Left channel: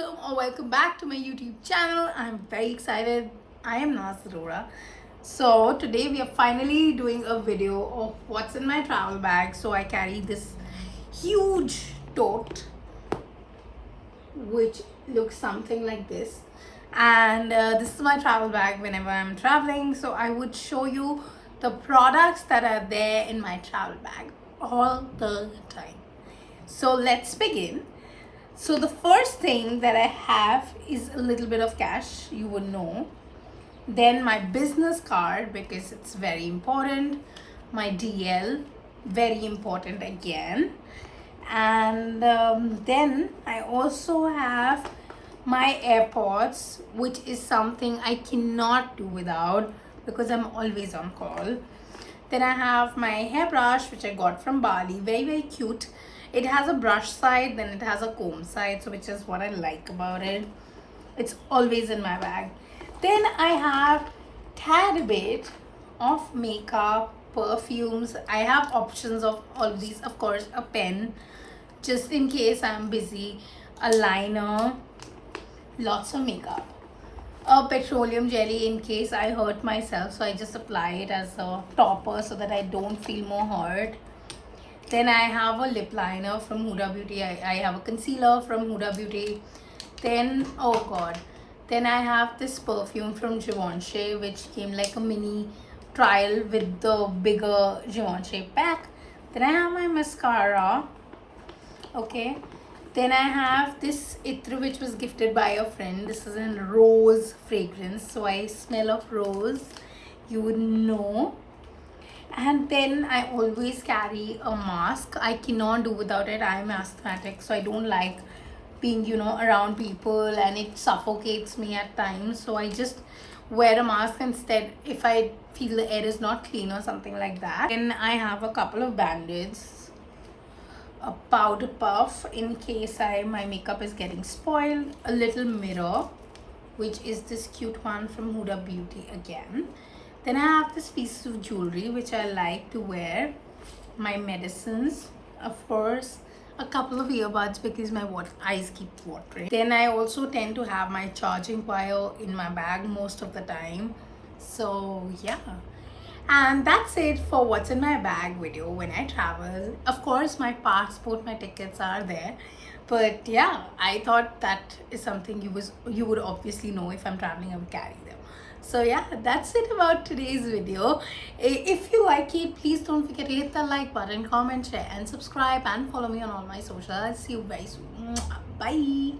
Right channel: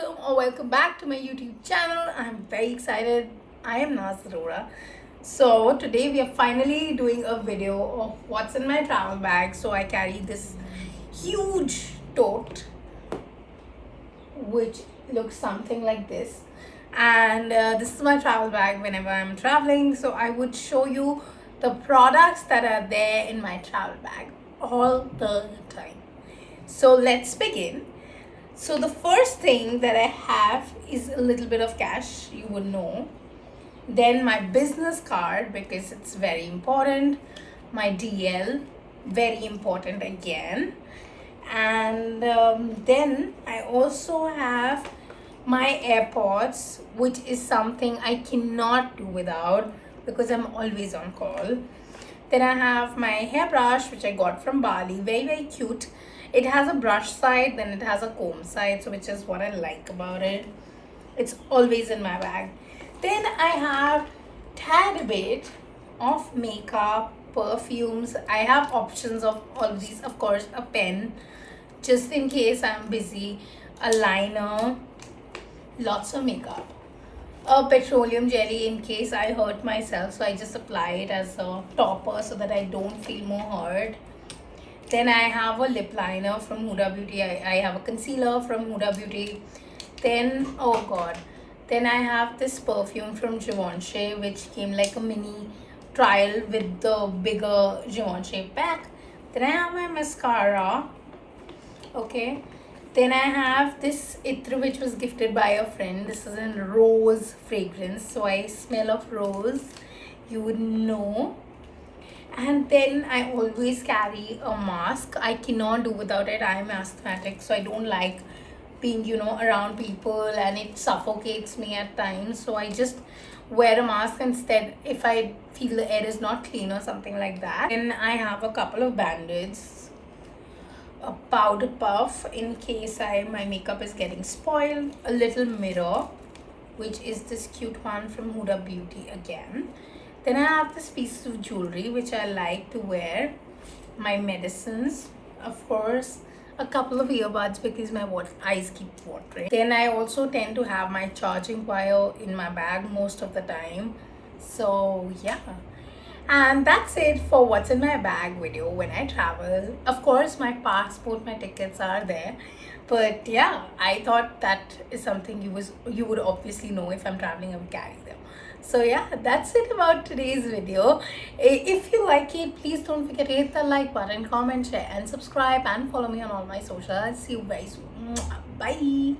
welcome or welcome back to my YouTube channel. I'm very excited. I am Naaz Arora. So today we are finally doing a video of what's in my travel bag. So I carry this huge tote which looks something like this, and this is my travel bag whenever I'm traveling. So I would show you the products that are there in my travel bag all the time. So let's begin. So the first thing that I have is a little bit of cash, you would know. Then my business card, because it's very important. My DL, very important again. And then I also have my AirPods, which is something I cannot do without because I'm always on call. Then I have my hairbrush, which I got from Bali, very cute. It has a brush side, then it has a comb side, so which is what I like about it. It's always in my bag. Then I have tad bit of makeup, perfumes. I have options of all of these. Of course, a pen, just in case I'm busy, a liner, lots of makeup, a petroleum jelly in case I hurt myself, so I just apply it as a topper so that I don't feel more hurt. Then I have a lip liner from Huda Beauty. I have a concealer from Huda Beauty. Then, oh god, then I have this perfume from Givenchy, which came like a mini trial with the bigger Givenchy pack. Then I have my mascara. Okay. Then I have this Itr, which was gifted by a friend. This is in rose fragrance, so I smell of rose, you would know. And then I always carry a mask. I cannot do without it. I am asthmatic, so I don't like being, around people, and it suffocates me at times. So I just wear a mask instead if I feel the air is not clean or something like that. Then I have a couple of band-aids, a powder puff in case my makeup is getting spoiled, a little mirror, which is this cute one from Huda Beauty again. Then I have this piece of jewelry which I like to wear, my medicines, of course, a couple of earbuds because my eyes keep watering. Then I also tend to have my charging wire in my bag most of the time. So yeah, and that's it for what's in my bag video when I travel. Of course, my passport, my tickets are there, but yeah, I thought that is something you would obviously know. If I'm traveling, I would carry them. So yeah, that's it about today's video. If you like it, please don't forget to hit the like button, comment, share and subscribe, and follow me on all my socials. I'll see you very soon. Bye.